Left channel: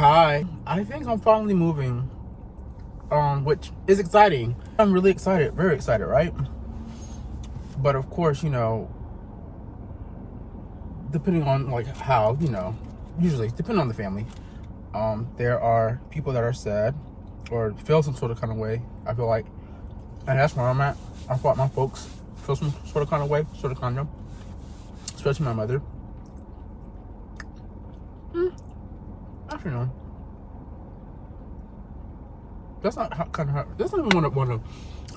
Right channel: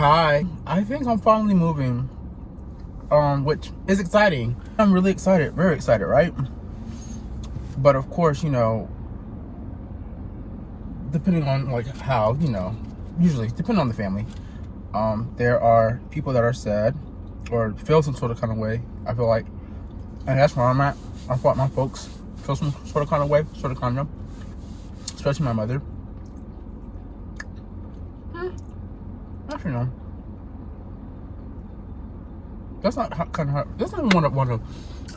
Hi. I think I'm finally moving, which is exciting. I'm really excited, very excited, right? But of course, depending on like how, usually depending on the family, there are people that are sad or feel some sort of kind of way. I feel like, and that's where I'm at. I thought my folks feel some sort of kind of way, especially my mother. Actually, no. That's not that's not even how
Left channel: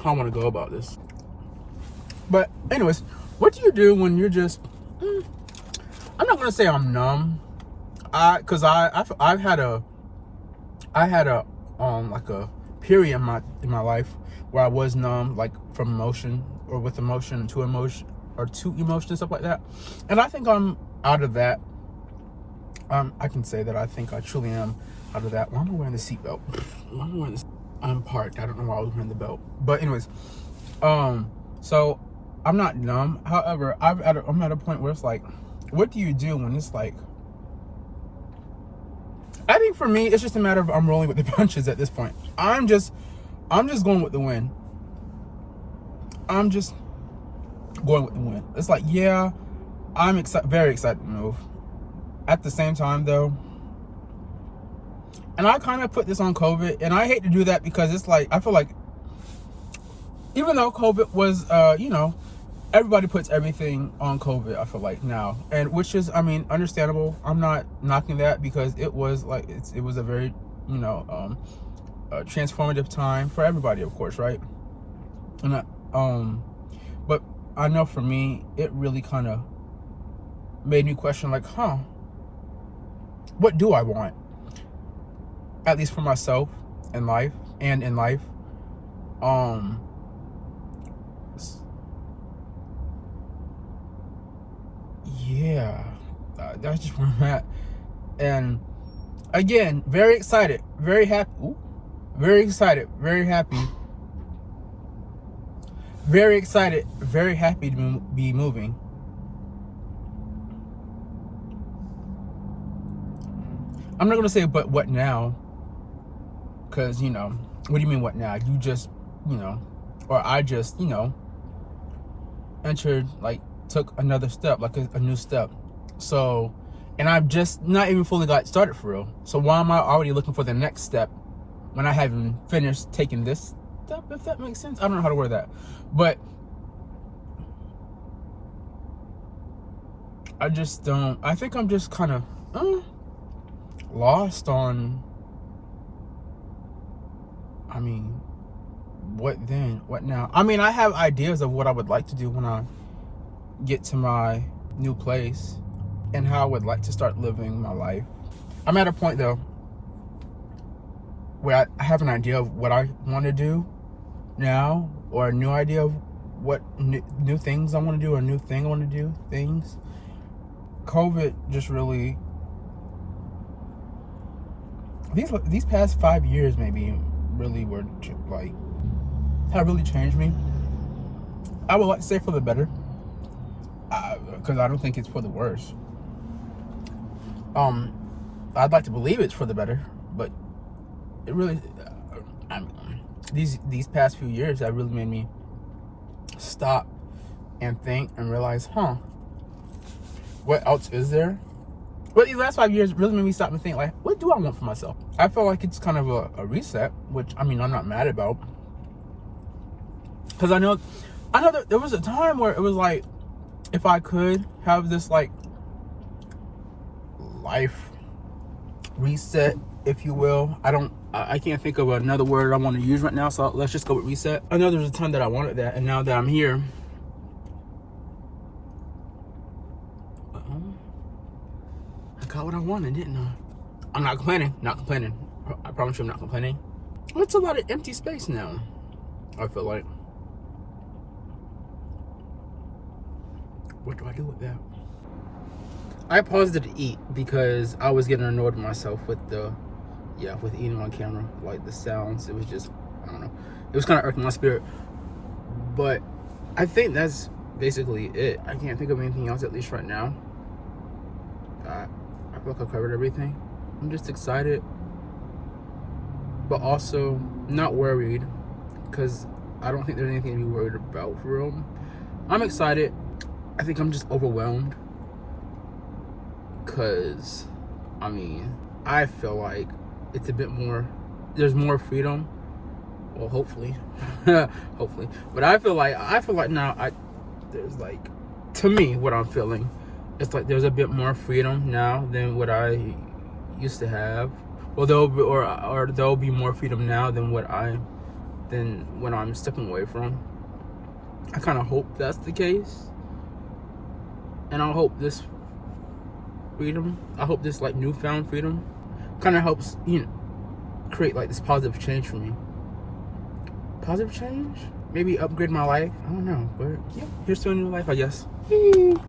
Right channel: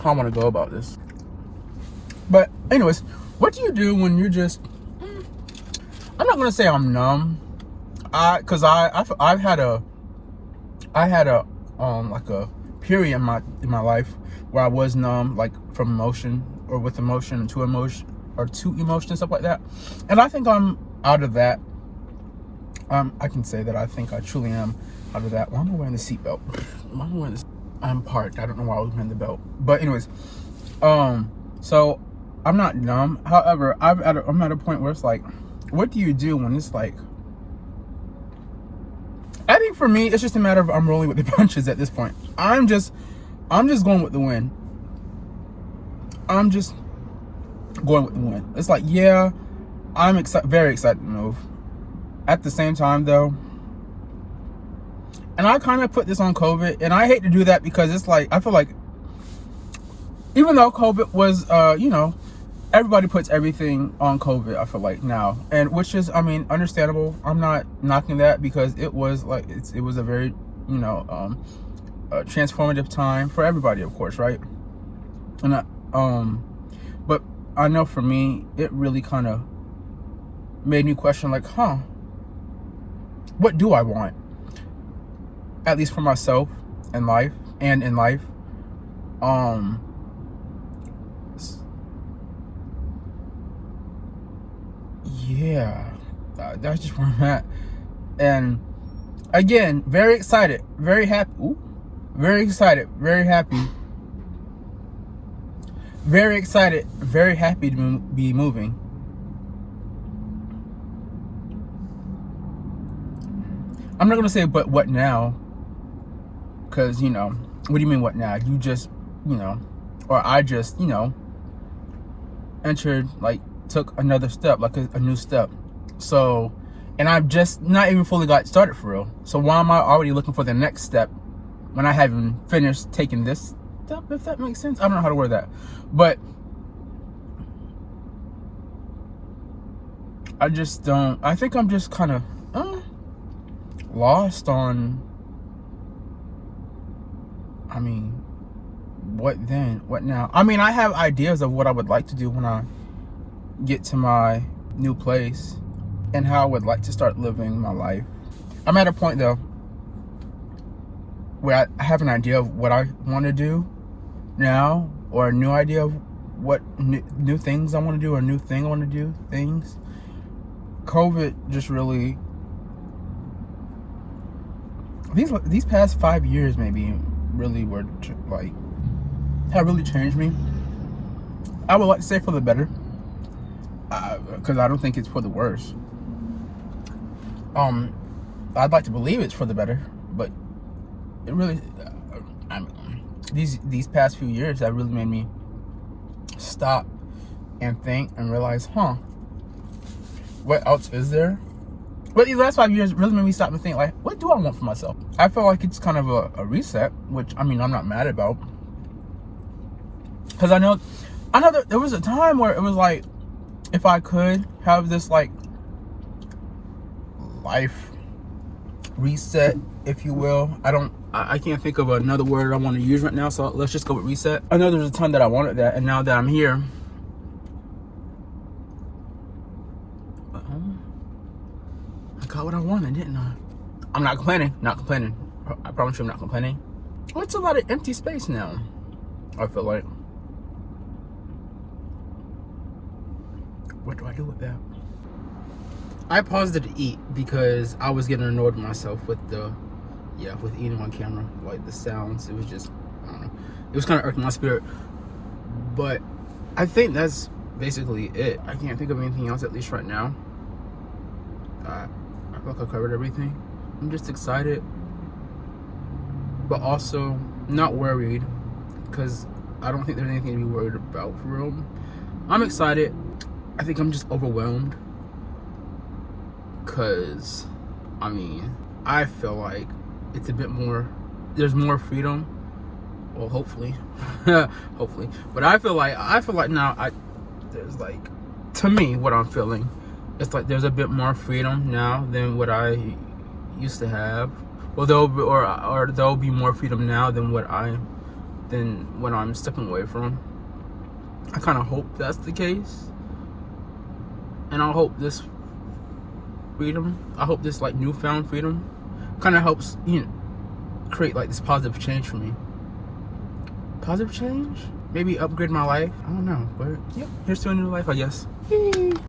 I want to go about this. But anyways, what do you do when you're just? I'm not gonna say I'm numb. Cause I had a like a period in my life where I was numb, like from emotion or with emotion to emotion or to emotion, stuff like that. And I think I'm out of that. I can say that I think I truly am out of that. Why am I wearing the seatbelt? Why am I wearing this? I'm parked. I don't know why I was wearing the belt. But anyways, so I'm not numb. However, I'm at a point where it's like, what do you do when it's like? I think for me, it's just a matter of I'm rolling with the punches at this point. I'm just going with the wind. I'm just going with the wind. It's like, yeah, I'm very excited to move. At the same time, though, and I kind of put this on COVID, and I hate to do that because it's like, I feel like, even though COVID was, everybody puts everything on COVID, I feel like now, and which is, I mean, understandable. I'm not knocking that because it was like, it was a very, transformative time for everybody, of course, right? And but I know for me, it really kind of made me question, like, what do I want? At least for myself in life and in life. Yeah, that's just where I'm at. And again, very excited, very happy. Ooh, very excited, very happy. Very excited, very happy to be moving. I'm not gonna say, but what now? Because, what do you mean, what now? You just, or I just, entered, like, took another step, like a new step. So, and I've just not even fully got started for real. So why am I already looking for the next step when I haven't finished taking this step, if that makes sense? I don't know how to word that. But I just don't, I think I'm just kind of lost on, I mean, what then? What now? I mean, I have ideas of what I would like to do when I get to my new place and how I would like to start living my life. I'm at a point, though, where I have an idea of what I want to do now, or a new idea of what new things I want to do, or a new thing I want to do, things. COVID just really, these past 5 years maybe really were like, have really changed me. I would like to say for the better, because I don't think it's for the worse. I'd like to believe it's for the better, but it really, these past few years have really made me stop and think and realize, what else is there? But these last 5 years really made me stop and think, like, what do I want for myself? I feel like it's kind of a reset, which, I mean, I'm not mad about. Because I know that there was a time where it was like, if I could have this, like, life reset, if you will. I can't think of another word I want to use right now, so let's just go with reset. I know there's a time that I wanted that, and now that I'm here, I got what I wanted, didn't I? I'm not complaining. I promise you I'm not complaining. It's a lot of empty space now, I feel like. What do I do with that? I paused it to eat because I was getting annoyed with myself with with eating on camera. Like, the sounds, it was just, I don't know. It was kind of irking my spirit. But I think that's basically it. I can't think of anything else, at least right now. I feel like I covered everything. I'm just excited, but also not worried, because I don't think there's anything to be worried about for real. I'm excited. I think I'm just overwhelmed, because I mean, I feel like it's a bit more, there's more freedom. Well, hopefully. Hopefully. But I feel like now there's like, to me, what I'm feeling, it's like there's a bit more freedom now than what I used to have. Well, there'll be more freedom now than what I'm stepping away from. I kind of hope that's the case, and I hope this like newfound freedom kind of helps, create like this positive change for me. Positive change? Maybe upgrade my life? I don't know, but yeah, here's to a new life, I guess.